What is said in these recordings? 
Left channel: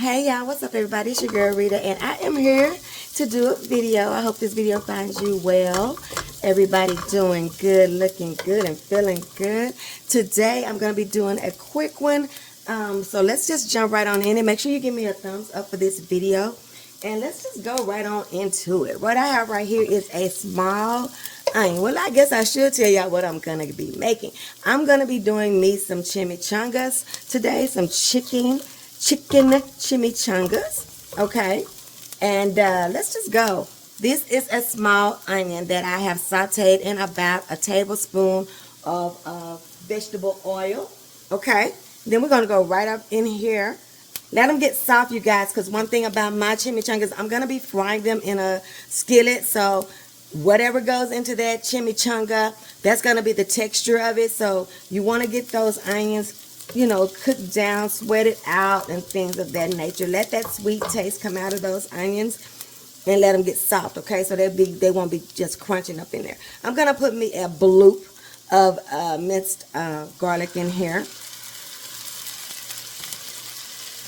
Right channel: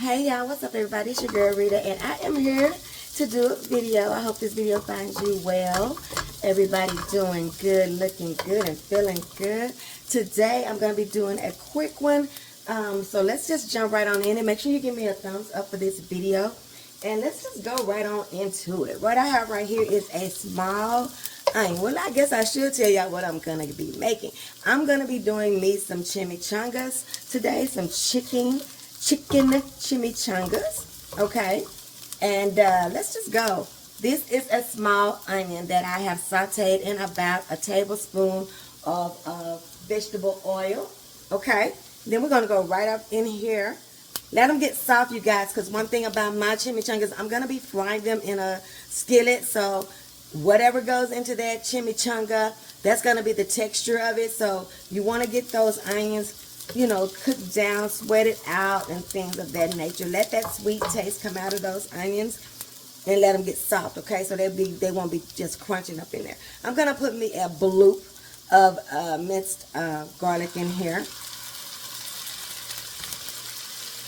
Hey y'all, what's up everybody? It's your girl Rita and I am here to do a video. I hope this video finds you well. Everybody doing good, looking good, and feeling good. Today I'm going to be doing a quick one. So let's just jump right on in and make sure you give me a thumbs up for this video. And let's just go right on into it. What I have right here is a small onion. Well, I guess I should tell y'all what I'm going to be making. I'm going to be doing me some chimichangas today, some chicken chimichangas, okay? And let's just go. This is a small onion that I have sauteed in about a tablespoon of vegetable oil, okay? Then we're going to go right up in here. Let them get soft, you guys, because one thing about my chimichangas, I'm going to be frying them in a skillet, so whatever goes into that chimichanga, that's going to be the texture of it. So you want to get those onions, you know, cooked down, sweat it out, and things of that nature. Let that sweet taste come out of those onions and let them get soft, okay? So they won't be just crunching up in there. I'm going to put me a bloop of minced garlic in here.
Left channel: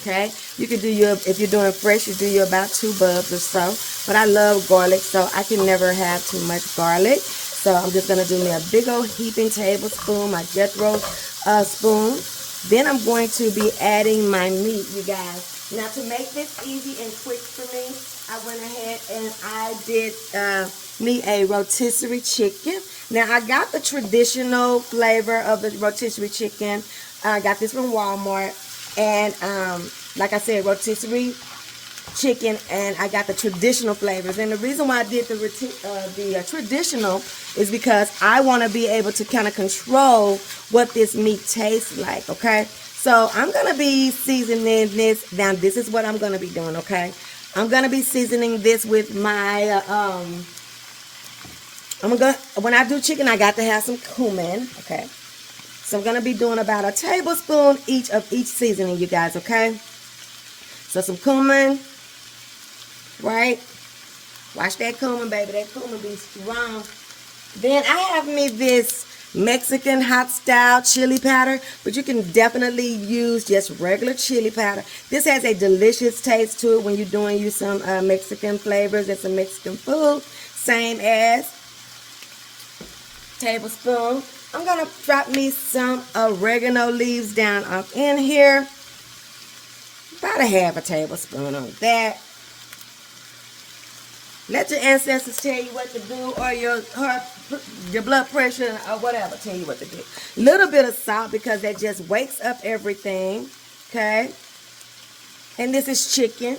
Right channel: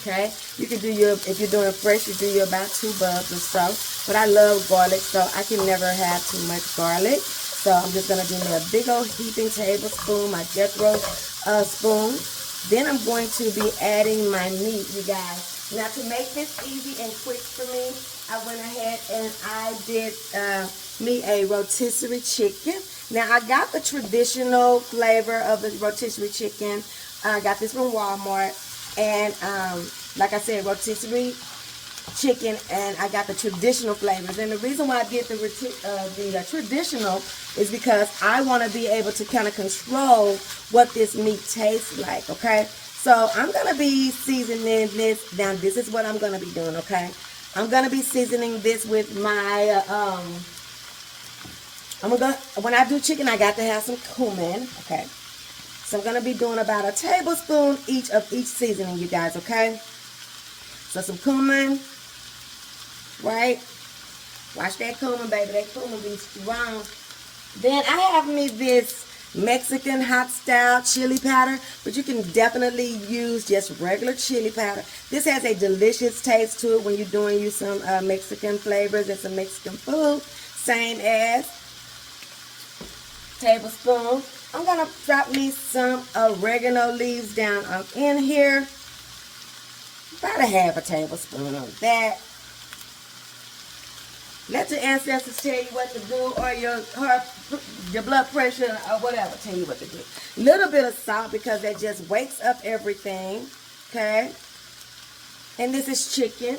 Okay, you can do if you're doing fresh, you do your about 2 bulbs or so. But I love garlic, so I can never have too much garlic. So I'm just going to do me a big old heaping tablespoon, my Jethro spoon. Then I'm going to be adding my meat, you guys. Now to make this easy and quick for me, I went ahead and I did me a rotisserie chicken. Now I got the traditional flavor of the rotisserie chicken. I got this from Walmart. And like I said, rotisserie chicken, and I got the traditional flavors. And the reason why I did the traditional is because I want to be able to kind of control what this meat tastes like, okay? So I'm going to be seasoning this. Now, this is what I'm going to be doing, okay? I'm going to be seasoning this with my, when I do chicken, I got to have some cumin, okay? So I'm going to be doing about a tablespoon each of each seasoning, you guys, okay? So some cumin, right? Watch that cumin, baby. That cumin be strong. Then I have me this Mexican hot style chili powder, but you can definitely use just regular chili powder. This has a delicious taste to it when you're doing you some Mexican flavors and some Mexican food. Same as tablespoon. I'm going to drop me some oregano leaves down up in here. About a half a tablespoon of that. Let your ancestors tell you what to do, or your blood pressure or whatever tell you what to do. Little bit of salt because that just wakes up everything, okay? And this is chicken.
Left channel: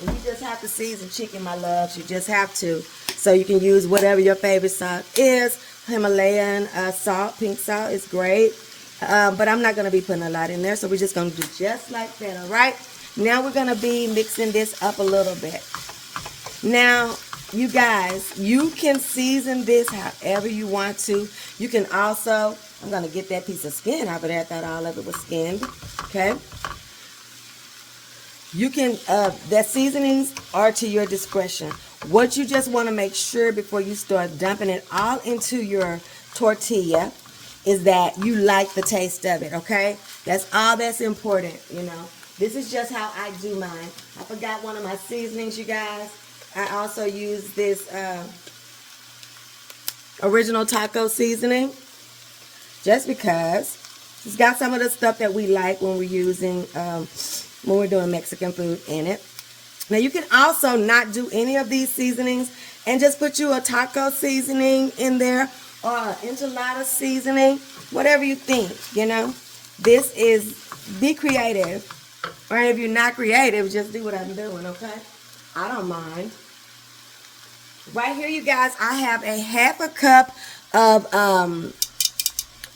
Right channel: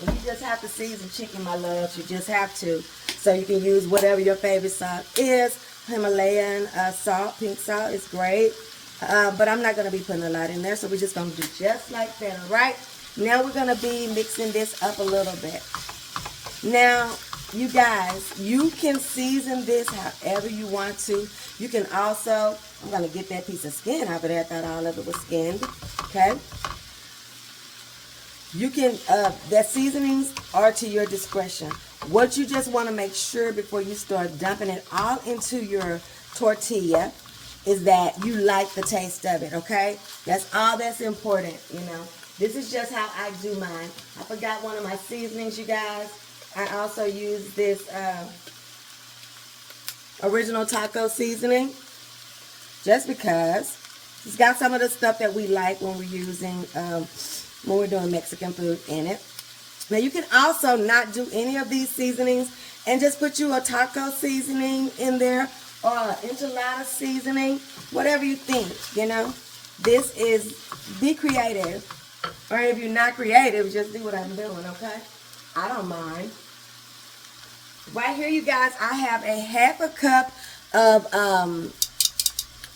And you just have to season chicken, my loves. You just have to. So you can use whatever your favorite salt is. Himalayan salt, pink salt is great. But I'm not going to be putting a lot in there. So we're just going to do just like that, all right? Now we're going to be mixing this up a little bit. Now, you guys, you can season this however you want to. You can also, I'm going to get that piece of skin out of there. I thought all of it was skinned, okay? You can, that seasonings are to your discretion. What you just want to make sure before you start dumping it all into your tortilla is that you like the taste of it, okay? That's all that's important, you know. This is just how I do mine. I forgot one of my seasonings, you guys. I also use this original taco seasoning just because it's got some of the stuff that we like when we're using, when we're doing Mexican food in it. Now, you can also not do any of these seasonings and just put you a taco seasoning in there or enchilada seasoning, whatever you think, you know. This is, be creative. Or if you're not creative, just do what I'm doing, okay? I don't mind. Right here, you guys, I have a half a cup of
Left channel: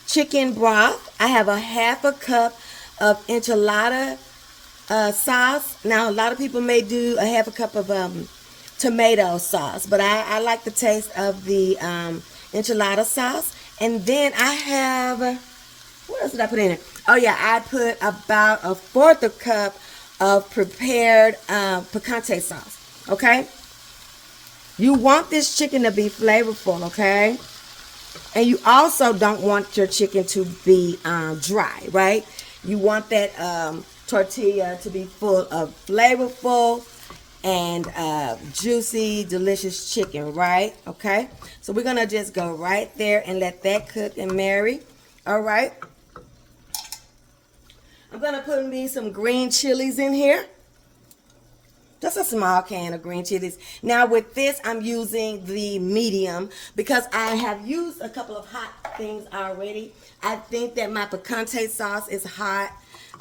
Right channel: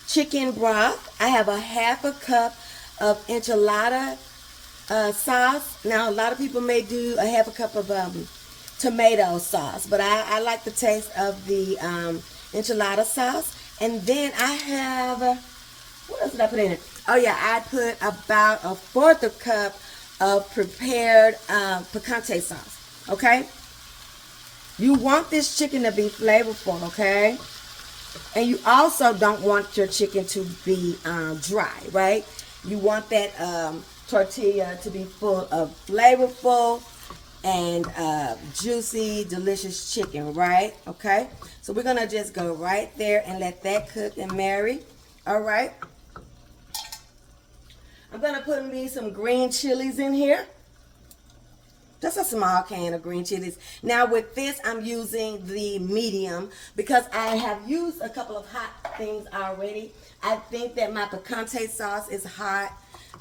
chicken broth. I have a half a cup of enchilada sauce. Now, a lot of people may do a half a cup of tomato sauce, but I like the taste of the enchilada sauce. And then I have, what else did I put in it? Oh yeah, I put about a 1/4 a cup of prepared picante sauce, okay? You want this chicken to be flavorful, okay? And you also don't want your chicken to be dry, right? You want that tortilla to be full of flavorful and juicy, delicious chicken, right? Okay, so we're gonna just go right there and let that cook and marry. All right, I'm gonna put me some green chilies in here. Just a small can of green chilies. Now with this, I'm using the medium because I have used a couple of hot things already. I think that my picante sauce is hot.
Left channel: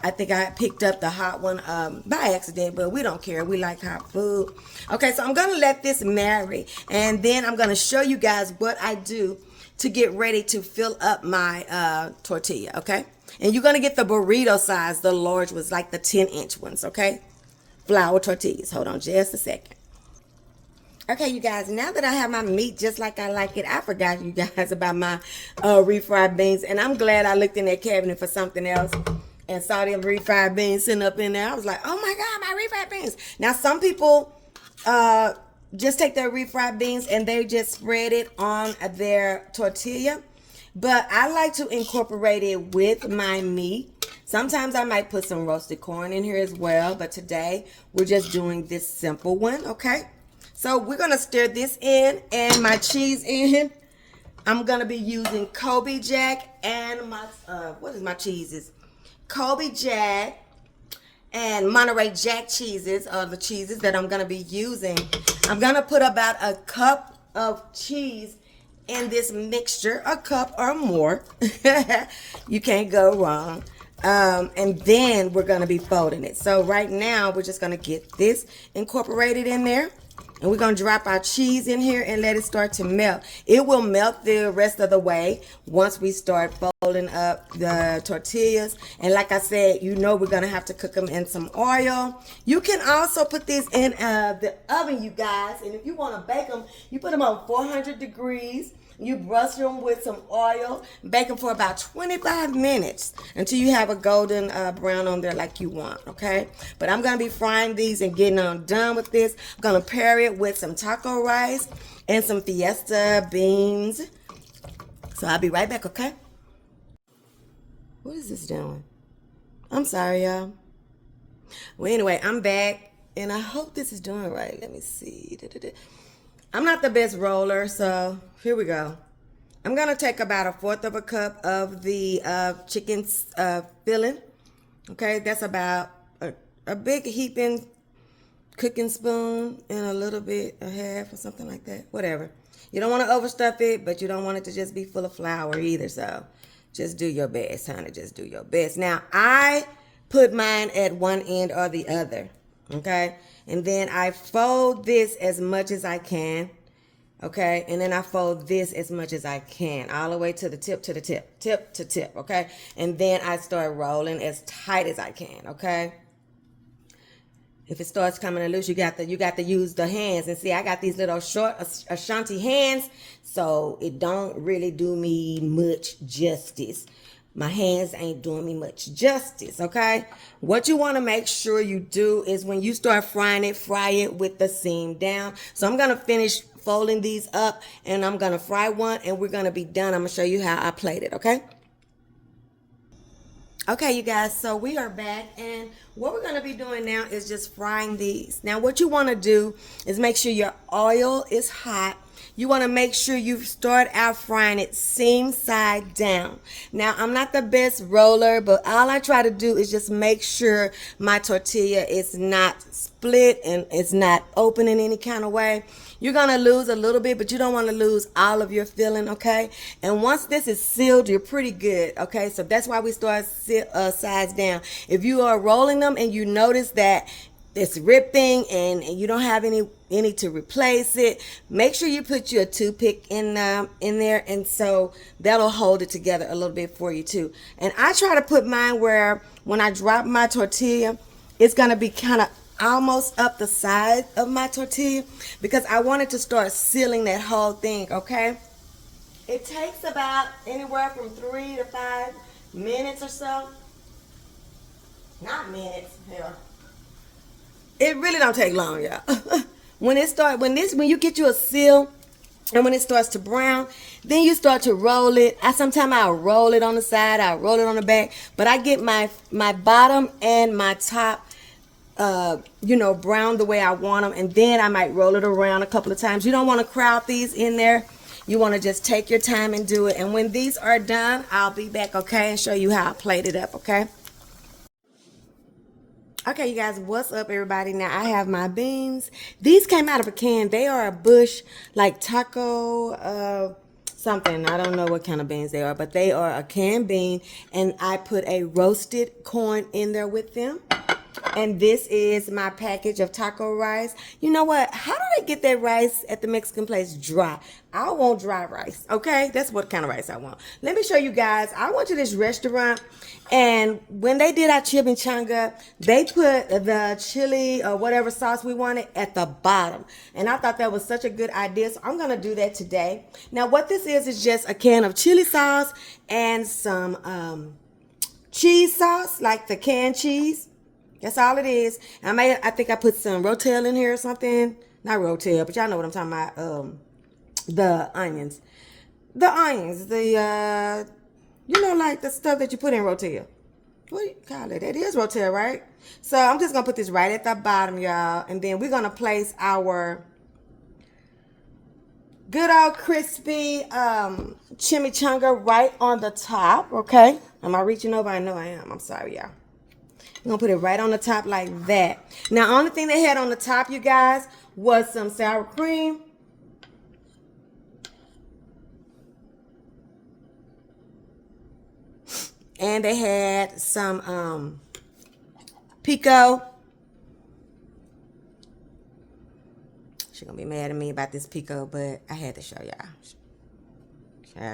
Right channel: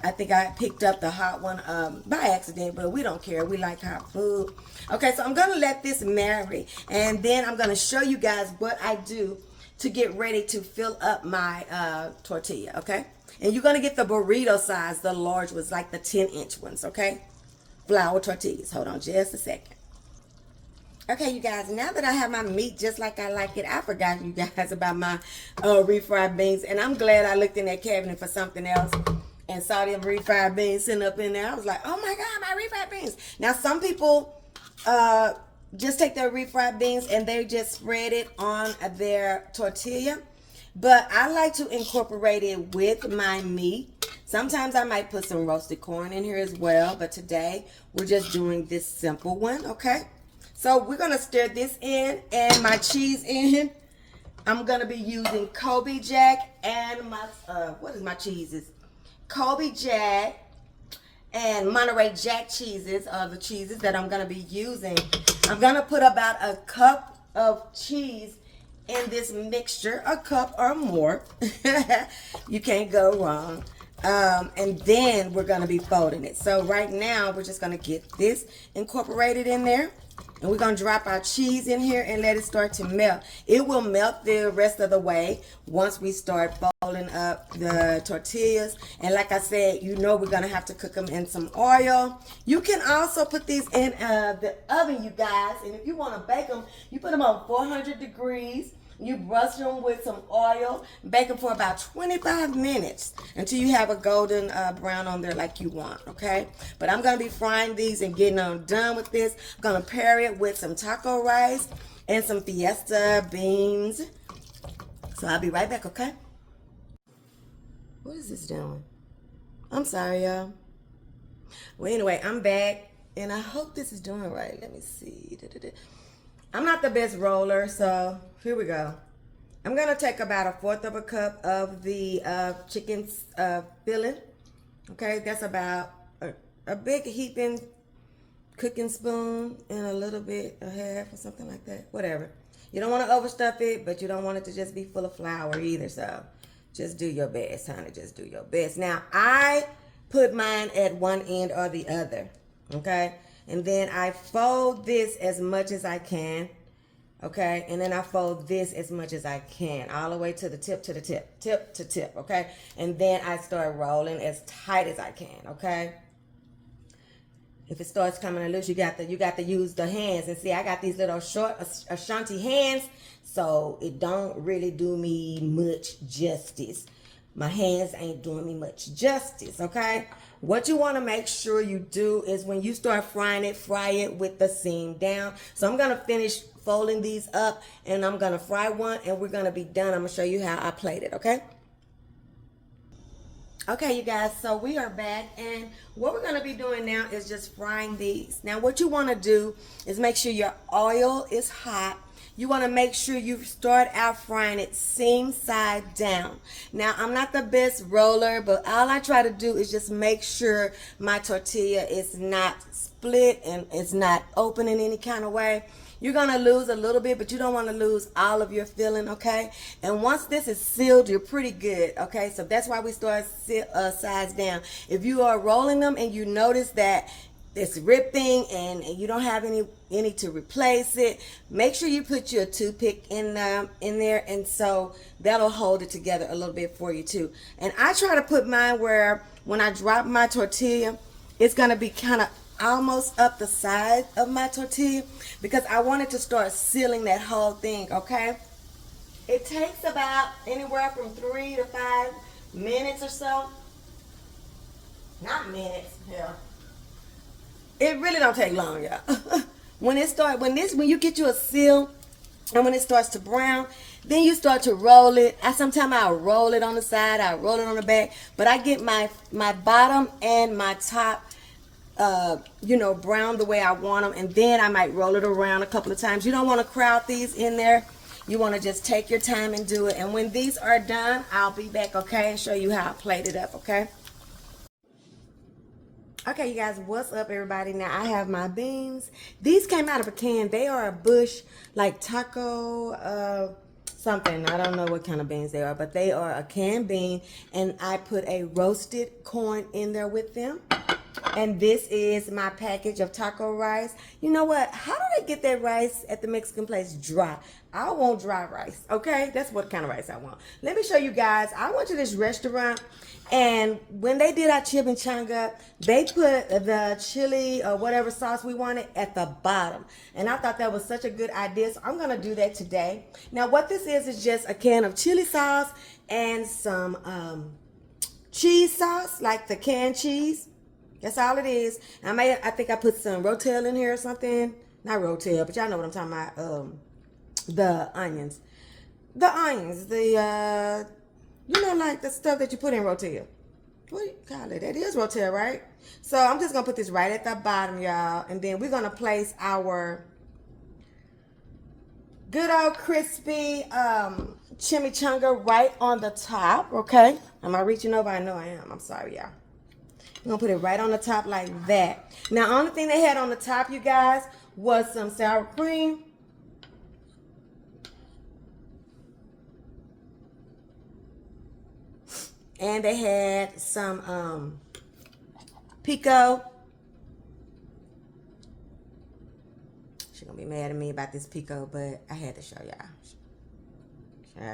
I think I picked up the hot one by accident, but we don't care. We like hot food. Okay, so I'm going to let this marry, and then I'm going to show you guys what I do to get ready to fill up my tortilla, okay? And you're going to get the burrito size, the large ones, like the 10-inch ones, okay? Flour tortillas. Hold on just a second. Okay, you guys, now that I have my meat just like I like it, I forgot you guys about my refried beans, and I'm glad I looked in that cabinet for something else and saw them refried beans sitting up in there. I was like, oh my God, my refried beans. Now, some people just take their refried beans and they just spread it on their tortilla, but I like to incorporate it with my meat. Sometimes I might put some roasted corn in here as well, but today we're just doing this simple one, okay? So we're gonna stir this in and my cheese in. I'm gonna be using Colby Jack and my, what is my cheeses? Colby Jack and Monterey Jack cheeses are the cheeses that I'm gonna be using. I'm gonna put about a cup of cheese in this mixture, a cup or more. You can't go wrong. And then we're going to be folding it. So right now we're just going to get this incorporated in there, and we're going to drop our cheese in here and let it start to melt. It will melt the rest of the way once we start folding up the tortillas. And like I said, you know we're going to have to cook them in some oil. You can also put these in the oven, you guys, and if you want to bake them, you put them on 400 degrees. You brush them with some oil, bake them for about 25 minutes until you have a golden brown on there like you want, okay? But I'm going to be frying these and getting them done with this. I'm going to pair it with some taco rice and some fiesta beans. So I'll be right back, okay? What is this doing? I'm sorry, y'all. Well, anyway, I'm back, and I hope this is doing right. Let me see. I'm not the best roller, so here we go. I'm going to take about 1/4 of a cup of the chicken filling. Okay, that's about a big heaping cooking spoon and a little bit, a half or something like that. Whatever. You don't want to overstuff it, but you don't want it to just be full of flour either, so just do your best, honey. Just do your best. Now, I put mine at one end or the other, okay? And then I fold this as much as I can, okay? And then I fold this as much as I can, all the way to the tip, tip to tip, okay? And then I start rolling as tight as I can, okay? If it starts coming loose, you got to use the hands. And see, I got these little short Ashanti hands, so it don't really do me much justice. My hands ain't doing me much justice, okay? What you want to make sure you do is when you start frying it, fry it with the seam down. So I'm going to finish folding these up, and I'm going to fry one, and we're going to be done. I'm going to show you how I plate it, okay? Okay, you guys, so we are back, and what we're going to be doing now is just frying these. Now, what you want to do is make sure your oil is hot. You want to make sure you start out frying it seam side down. Now, I'm not the best roller, but all I try to do is just make sure my tortilla is not split and it's not open in any kind of way. You're going to lose a little bit, but you don't want to lose all of your filling, okay? And once this is sealed, you're pretty good, okay? So that's why we start sides down. There you are rolling them and you notice that it's ripping and you don't have any to replace it, make sure you put your toothpick in there, and so that'll hold it together a little bit for you too. And I try to put mine where when I drop my tortilla, it's going to be kind of almost up the side of my tortilla because I wanted to start sealing that whole thing, okay? It takes about anywhere from 3 to 5 minutes or so. Not minutes, hell. It really don't take long, y'all. When you get you a seal And when it starts to brown, then you start to roll it. Sometimes I'll roll it on the side, I'll roll it on the back. But I get my bottom and my top, brown the way I want them. And then I might roll it around a couple of times. You don't want to crowd these in there. You want to just take your time and do it. And when these are done, I'll be back, okay, and show you how I plate it up, okay? Okay, you guys, what's up, everybody? Now, I have my beans. These came out of a can. They are a bush, like taco, something. I don't know what kind of beans they are, but they are a canned bean. And I put a roasted corn in there with them. And this is my package of taco rice. You know what? How do they get their rice at the Mexican place dry? I want dry rice, okay? That's what kind of rice I want. Let me show you guys. I went to this restaurant, and when they did our chimichanga, they put the chili or whatever sauce we wanted at the bottom. And I thought that was such a good idea, so I'm going to do that today. Now, what this is just a can of chili sauce and some cheese sauce, like the canned cheese. That's all it is. I think I put some rotel in here or something. Not rotel, but y'all know what I'm talking about. The onions. Like the stuff that you put in rotel. What do you call it? It is rotel, right? So I'm just going to put this right at the bottom, y'all. And then we're going to place our good old crispy chimichanga right on the top, okay? Am I reaching over? I know I am. I'm sorry, y'all. I'm going to put it right on the top like that. Now, only thing they had on the top, you guys, was some sour cream. And they had some pico. She's going to be mad at me about this pico, but I had to show y'all.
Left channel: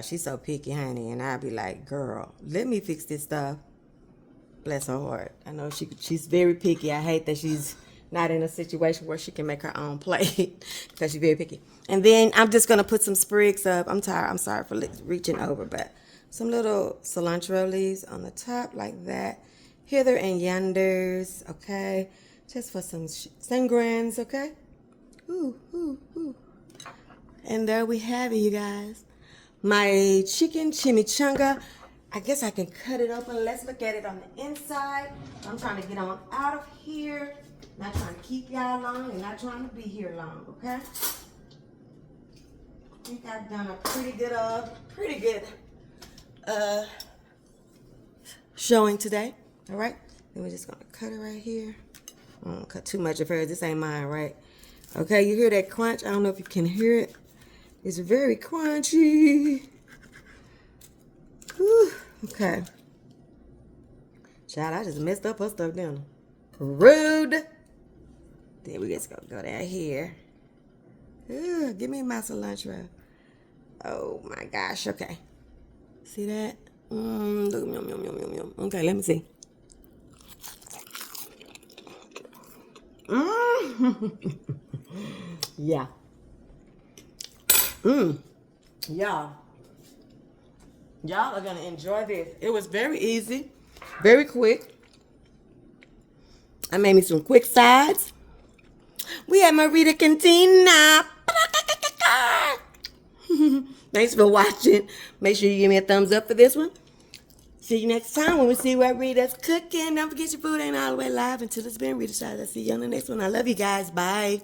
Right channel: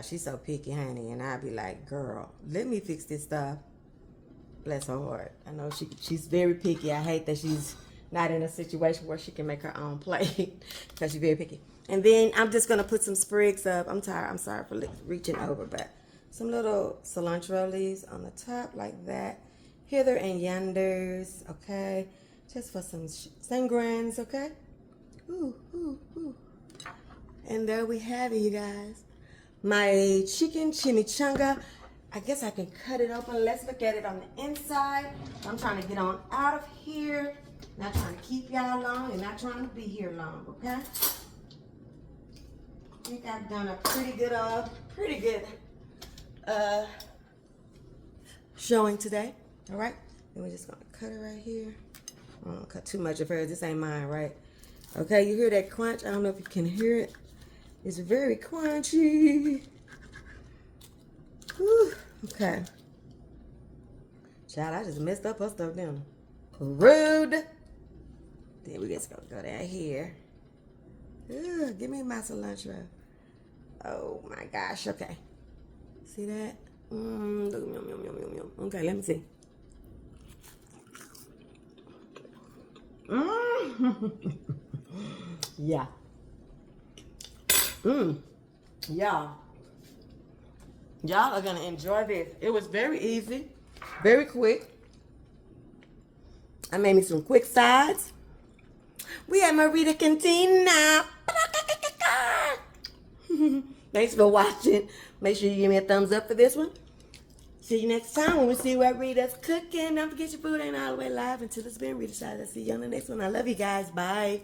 She's so picky, honey. And I'll be like, girl, let me fix this stuff. Bless her heart. I know she's very picky. I hate that she's not in a situation where she can make her own plate because she's very picky. And then I'm just going to put some sprigs of, I'm tired. I'm sorry for reaching over, but some little cilantro leaves on the top like that. Hither and yonders, okay? Just for some sangrans, okay? Ooh, ooh, ooh. And there we have it, you guys. My chicken chimichanga. I guess I can cut it open. Let's look at it on the inside. I'm trying to get on out of here. Not trying to keep y'all long and not trying to be here long, okay? I think I've done a pretty good showing today. All right? Then we're just going to cut it right here. I don't cut too much of hers. This ain't mine, right? Okay, you hear that crunch? I don't know if you can hear it. It's very crunchy. Whew. Okay. Child, I just messed up her stuff down. Rude. Then we just gonna go down here. Ooh, give me my cilantro. Oh my gosh. Okay. See that? Okay, let me see. Yeah. Yeah. Y'all are going to enjoy this. It was very easy, very quick. I made me some quick sides. We had Mureta Cantina. Thanks for watching. Make sure you give me a thumbs up for this one. See you next time when we see what Rita's cooking. Don't forget your food ain't all the way live until it's been Rita's. I'll see you on the next one. I love you guys. Bye.